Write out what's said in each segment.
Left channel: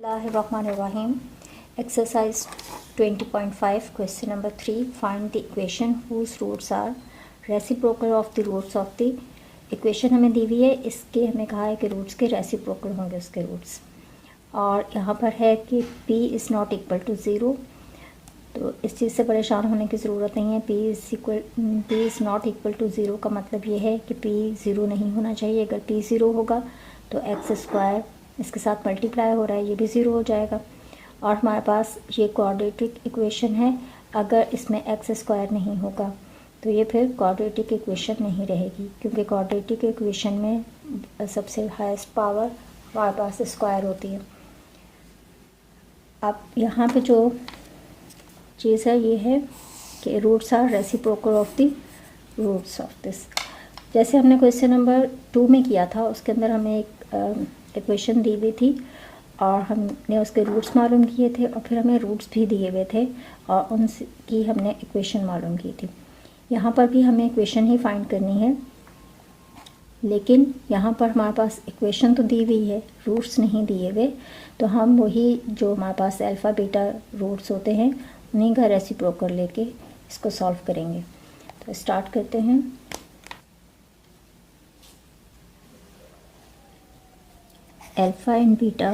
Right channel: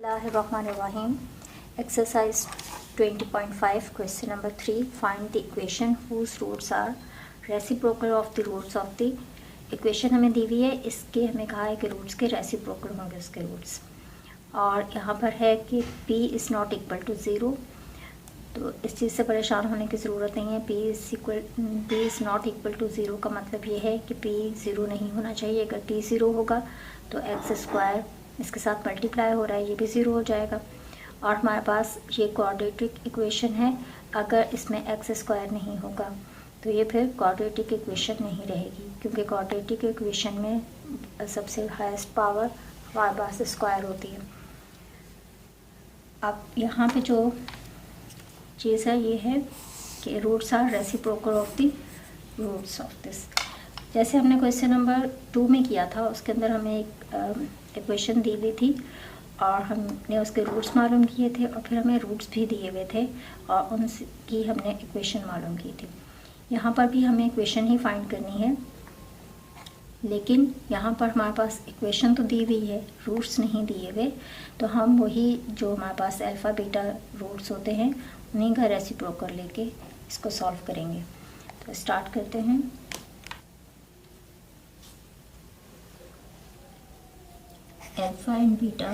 Bismillahirrahmanirrahim. Exercise 20.5 question number 3. Find the equation whose roots are reciprocal of the roots of the equation हमें दी हुई है, इसके हमें कहा है कि रूट्स के रेसिप्रोकल होंगे उसके रूट्स। और यहाँ पर है कि p is not equal to zero, तो इस चीज़ से परेशान होने की ज़रूरत नहीं है। p is not equal to zero का मतलब ये है कि p ज़ीरो नहीं होना चाहिए। अगर p ज़ीरो होगा तो एक्स स्क्वायर इसके साथ मल्टीप्लाई हो रहा है, ये भी ज़ीरो हो जाएगा। और हमारे पास ये क्वाड्रेटिक इक्वेशन है, अगर इसमें एक्स स्क्वायर नहीं होगा तो ये फिर क्वाड्रेटिक इक्वेशन नहीं रहेगी, क्योंकि क्वाड्रेटिक इक्वेशन में सबसे हाईएस्ट पावर हमारे पास स्क्वायर होती है। अब यहाँ पे जो चीज़ है ये है कि roots are reciprocal of the roots of this. जैसे हमने क्वेश्चन नंबर 2 में किया था, उसके अंदर हमें एक इक्वेशन दी हुई थी और हमने उसके रूट्स मालूम किए थे और फिर हमें रूट्स भी दिए हुए थे और उनकी हमने इक्वेशन मालूम की थी। यहाँ पर भी हमें इक्वेशन ही फाइंड करनी है, लेकिन यहाँ पर हमारे पास इक्वेशन तो दी हुई है, रूट्स नहीं दिए हुए, तो हम वही जो हमारे पास अल्फ़ा बीटा रूट्स होते हैं उन्हीं का रेसिप्रोकल लेके इसको सॉल्व करेंगे। तो स्टार्ट करते हैं। Alpha and beta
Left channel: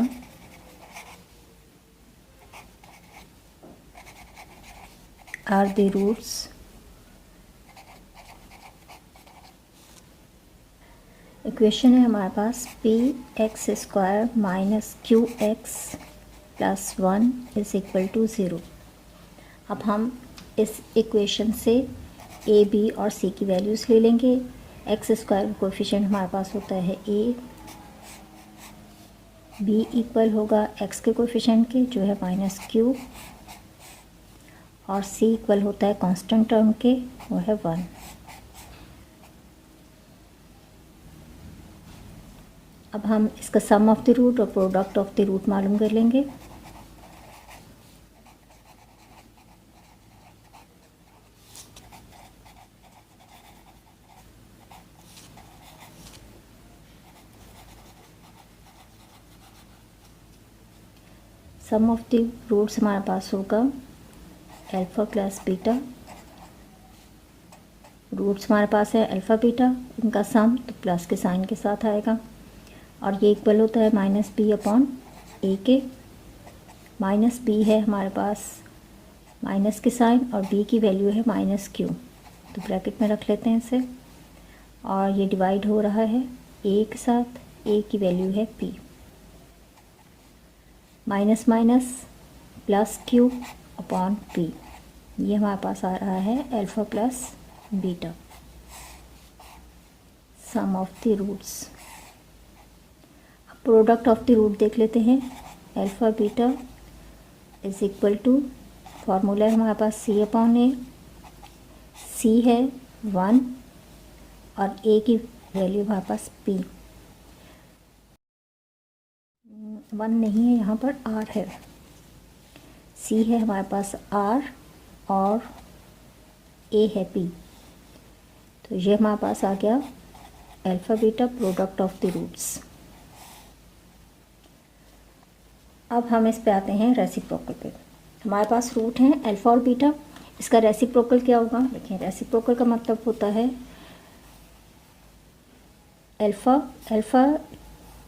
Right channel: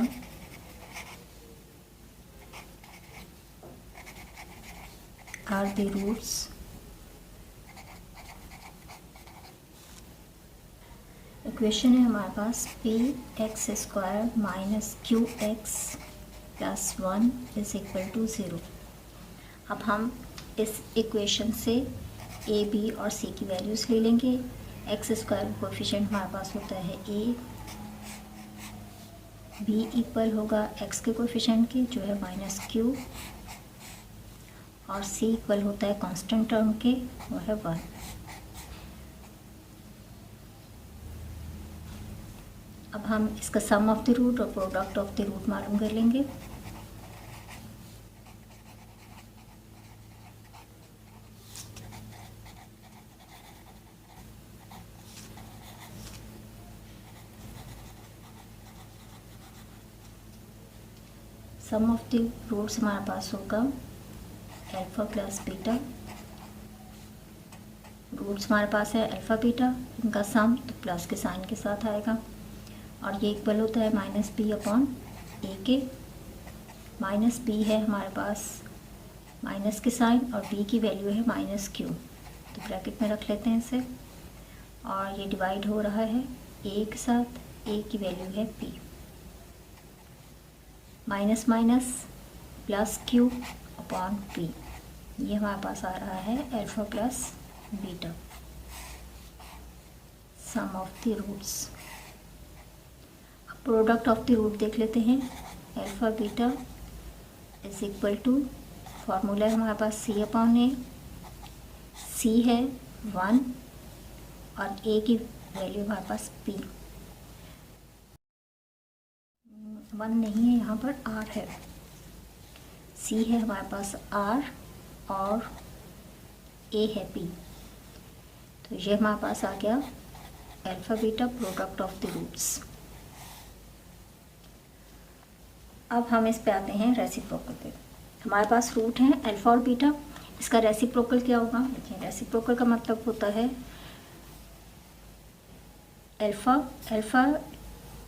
are the roots equation है हमारे पास P X square minus Q X plus 1 is equal to zero. अब हम इस इक्वेशन से ए बी और सी की वैल्यूज़ ले लेंगे। एक्स स्क्वायर का कोएफिशिएंट हमारे पास होता है ए, बी इक्वल होगा एक्स के कोएफिशिएंट के जो है माइनस क्यू, और सी इक्वल होता है कांस्टेंट टर्म के, वो है 1। अब हम इसका सम ऑफ द रूट और प्रोडक्ट ऑफ द रूट मालूम कर लेंगे। सम ऑफ द रूट्स हमारे पास होगा अल्फ़ा प्लस बीटा। रूट्स हमारे पास है अल्फ़ा बीटा, इनका सम तो प्लस के साइन के साथ आएगा और ये इक्वल होता है माइनस बी अपॉन ए के। माइनस बी है हमारे पास माइनस के साइन और बी की वैल्यू है माइनस क्यू, तो ब्रैकेट में रख लेते हैं इसे। और ये डिवाइड हो रहा है ए के साथ, ए की वैल्यू है P. Minus minus plus Q upon P, ये हमारे पास आ रहा है alpha plus beta. Sum of the roots, product of the root देख लेते हैं। Alpha beta is equal to, formula है हमारे पास सी अपॉन ए। सी है 1 और ए की वैल्यू हमारे पास पी। 1 नहीं है, यहाँ पर आर है। सी है हमारे पास आर और ए है पी, तो ये हमारे पास आ गया alpha beta product of the roots. अब हम इस पे आते हैं रेसिप्रोकल पे। हमारे पास रूट हैं अल्फ़ा और बीटा, इसका रेसिप्रोकल क्या होगा? देखिए, रेसिप्रोकल का मतलब होता है अल्फ़ा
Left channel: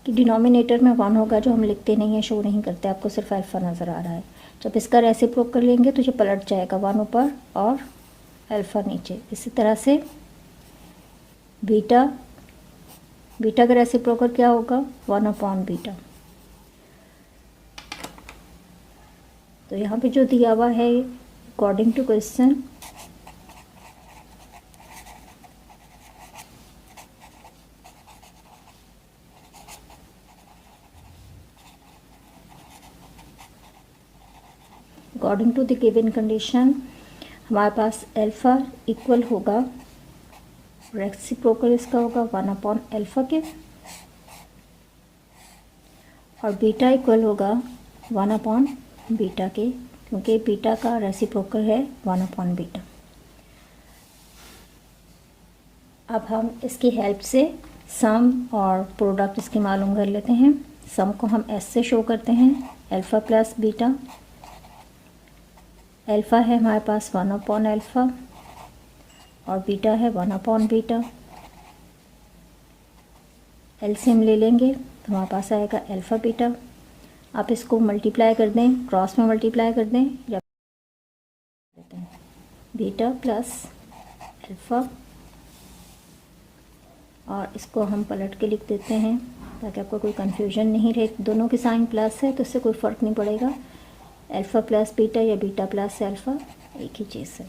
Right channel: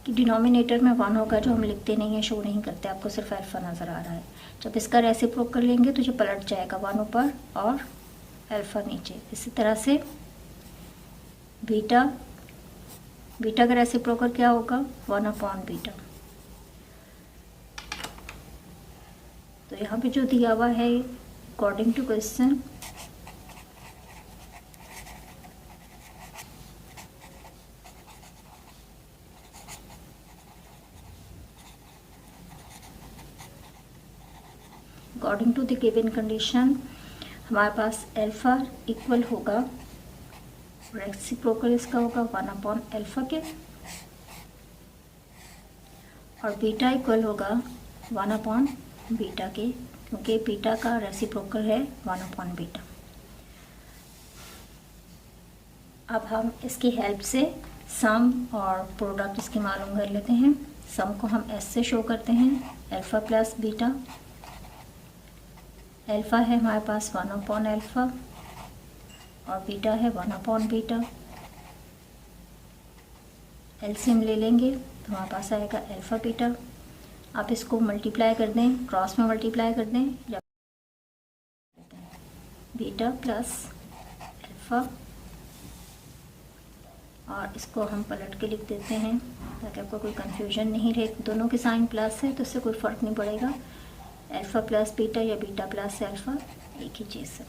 कि डिनोमिनेटर में 1 होगा, जो हम लिखते नहीं है, शो नहीं करते, आपको सिर्फ अल्फ़ा नज़र आ रहा है। जब इसका रेसिप्रोकल लेंगे तो ये पलट जाएगा, 1 ऊपर और अल्फ़ा नीचे। इसी तरह से बीटा का रेसिप्रोकल क्या होगा? 1 अपॉन बीटा। तो यहाँ पे जो दिया हुआ है according to question, according to the given condition हमारे पास अल्फ़ा इक्वल होगा, रेसिप्रोकल इसका होगा 1 अपॉन अल्फ़ा के, और बीटा इक्वल होगा 1 अपॉन बीटा के, क्योंकि बीटा का रेसिप्रोकल है 1 अपॉन बीटा। अब हम इसकी हेल्प से सम और प्रोडक्ट इसकी मालूम कर लेते हैं। सम को हम एस से शो करते हैं, अल्फ़ा प्लस बीटा। अल्फ़ा है हमारे पास 1 अल्फ़ा और बीटा है 1 बीटा। एलसीएम ले लेंगे तो हमारे पास आएगा अल्फ़ा बीटा। आप इसको मल्टीप्लाई कर दें, क्रॉस में मल्टीप्लाई कर दें या बीटा प्लस अल्फ़ा, और इसको हम पलट के लिख देते हैं ताकि आपको कोई कन्फ्यूजन नहीं रहे। दोनों के साइन प्लस है तो इससे कोई फ़र्क नहीं पड़ेगा, अल्फ़ा प्लस बीटा या बीटा प्लस अल्फ़ा एक ही चीज़ है।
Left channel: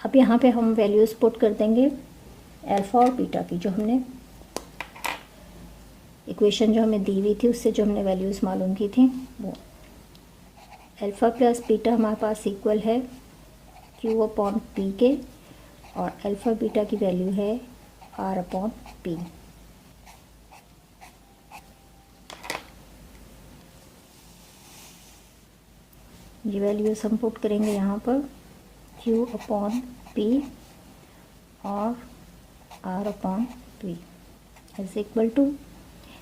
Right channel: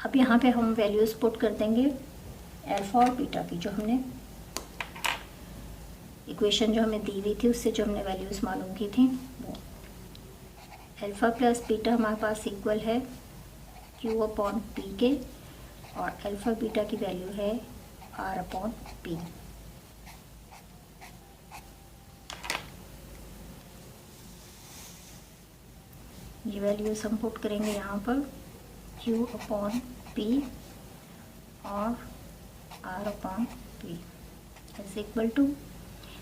अब यहाँ पे हम वैल्यूज़ पुट कर देंगे अल्फ़ा और बीटा की, जो हमने इक्वेशन जो हमें दी हुई थी उससे जो हमने वैल्यूज़ मालूम की थी वो। अल्फ़ा प्लस बीटा हमारे पास इक्वल है क्यू अपॉन पी के, और अल्फ़ा बीटा की वैल्यू है आर अपॉन पी। ये वैल्यूज़ हम पुट करेंगे यहाँ पर, क्यू अपॉन पी और R upon P is equal to,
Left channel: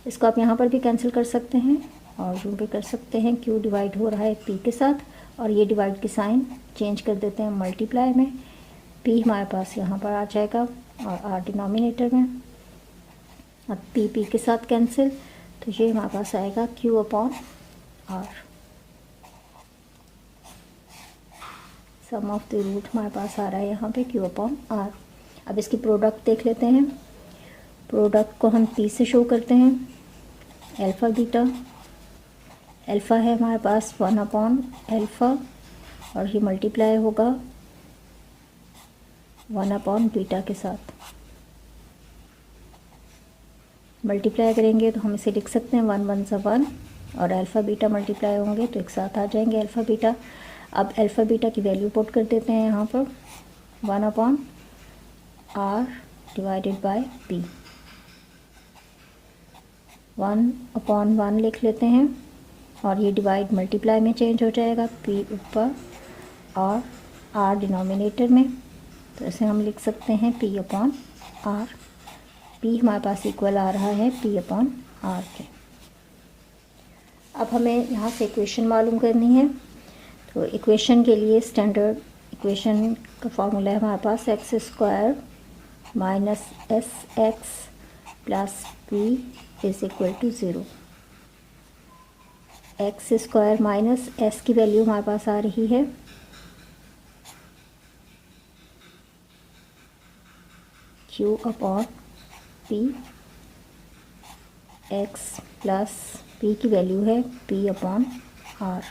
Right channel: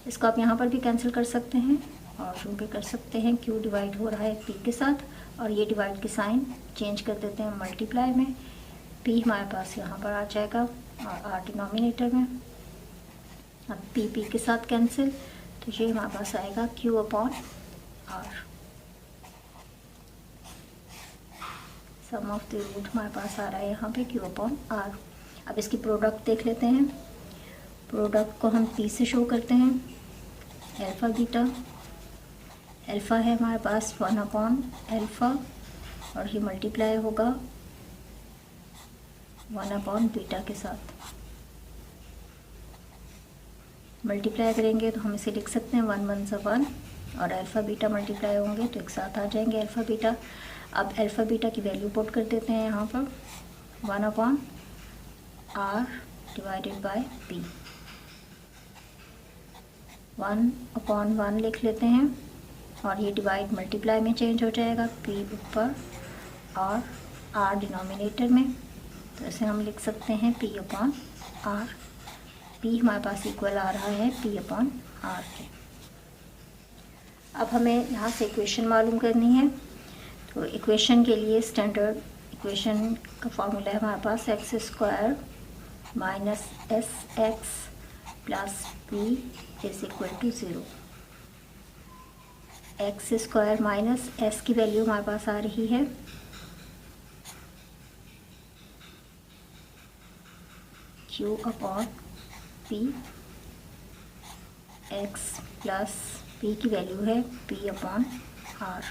इसको आप यहाँ पर भी कैंसिल कर सकते हैं और यूँ भी कर सकते हैं। क्यू डिवाइड हो रहा है पी के साथ और ये डिवाइड के साइन चेंज कर देते हैं मल्टीप्लाई में। पी हमारे पास यहाँ पर आ जाएगा और आर डिनोमिनेटर में। अब पी पी के साथ कैंसिल, तो ये हमारे पास आएगा Q upon R. Sum of the root हमारे पास आ रहा है यहाँ पे क्यू अपॉन आर। अब इसकी प्रोडक्ट देख लेते हैं। प्रोडक्ट को हम पी से शो करते हैं, अल्फ़ा बीटा। अल्फ़ा है हमारे पास 1 अपॉन अल्फ़ा और ये मल्टीप्लाई होगा 1 अपॉन बीटा के साथ। मल्टीप्लाई करेंगे तो हम इसे लिख सकते हैं 1 1 सा 1, और अल्फ़ा बीटा मल्टीप्लाई होंगे तो एक साथ आ जाएंगे अल्फ़ा बीटा। अब अल्फ़ा बीटा की वैल्यू पुट कर देते हैं यहाँ पर, 1 upon R divided by P. 1 upon 1 लिख लेते हैं और ये डिवाइड मल्टीप्लाई में चेंज हो जाएगा, पी ऊपर और आर डिनोमिनेटर में, तो इसे हम लिख सकते हैं पी अपॉन आर। पी हमारे पास इक्वल आ रहा है पी अपॉन आर के। अब हमें यहाँ से इक्वेशन मालूम करनी है, तो इक्वेशन के लिए स्टैंडर्ड इक्वेशन का फॉर्मूला है हमारे पास X square minus S X plus P is equal to 0। X square minus S की वैल्यू हमारे पास आ रही है Q upon P, X plus P की वैल्यू है पी अपॉन आर।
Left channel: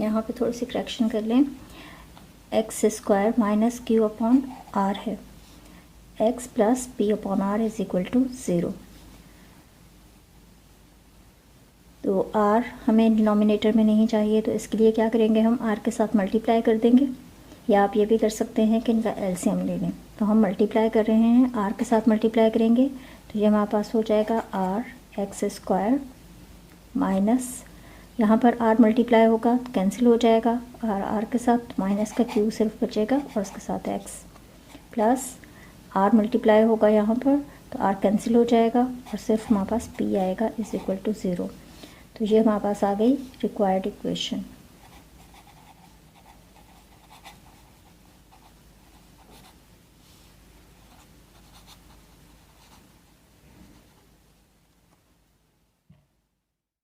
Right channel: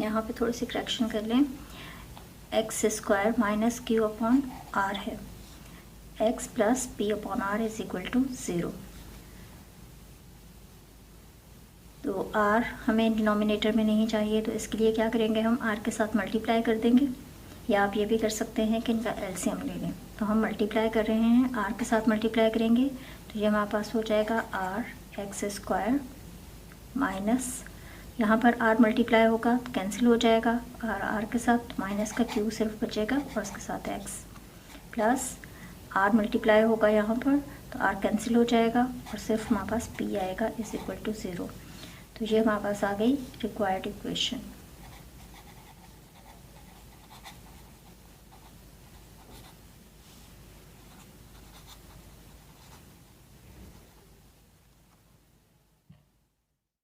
यहाँ पे थोड़ी सी करेक्शन कर लें, X square minus Q upon R है, X plus P upon R is equal to 0। तो आर हमें डिनोमिनेटर में नहीं चाहिए, तो इसके लिए क्या करेंगे, हम आर के साथ मल्टीप्लाई कर देंगे, या आप ये भी कर सकते हैं कि इनका एलसीएम ले लें। तो हम मल्टीप्लाई कर रहे हैं, आर के साथ मल्टीप्लाई करेंगे तो ये हमारे पास हो जाएगा आर एक्स स्क्वायर माइनस, यहाँ पर आर मल्टीप्लाई होगा तो कैंसिल हो जाएगा, आर के साथ माइनस का क्यू सिर्फ बचेगा और उसके साथ एक्स, प्लस आर मल्टीप्लाई होगा यहाँ पर तो आर कैंसिल हो जाएगा और सिर्फ हमारे पास पी आएगा इज इक्वल टू 0। तो ये हमारे पास आ गई रिक्वायर्ड इक्वेशन।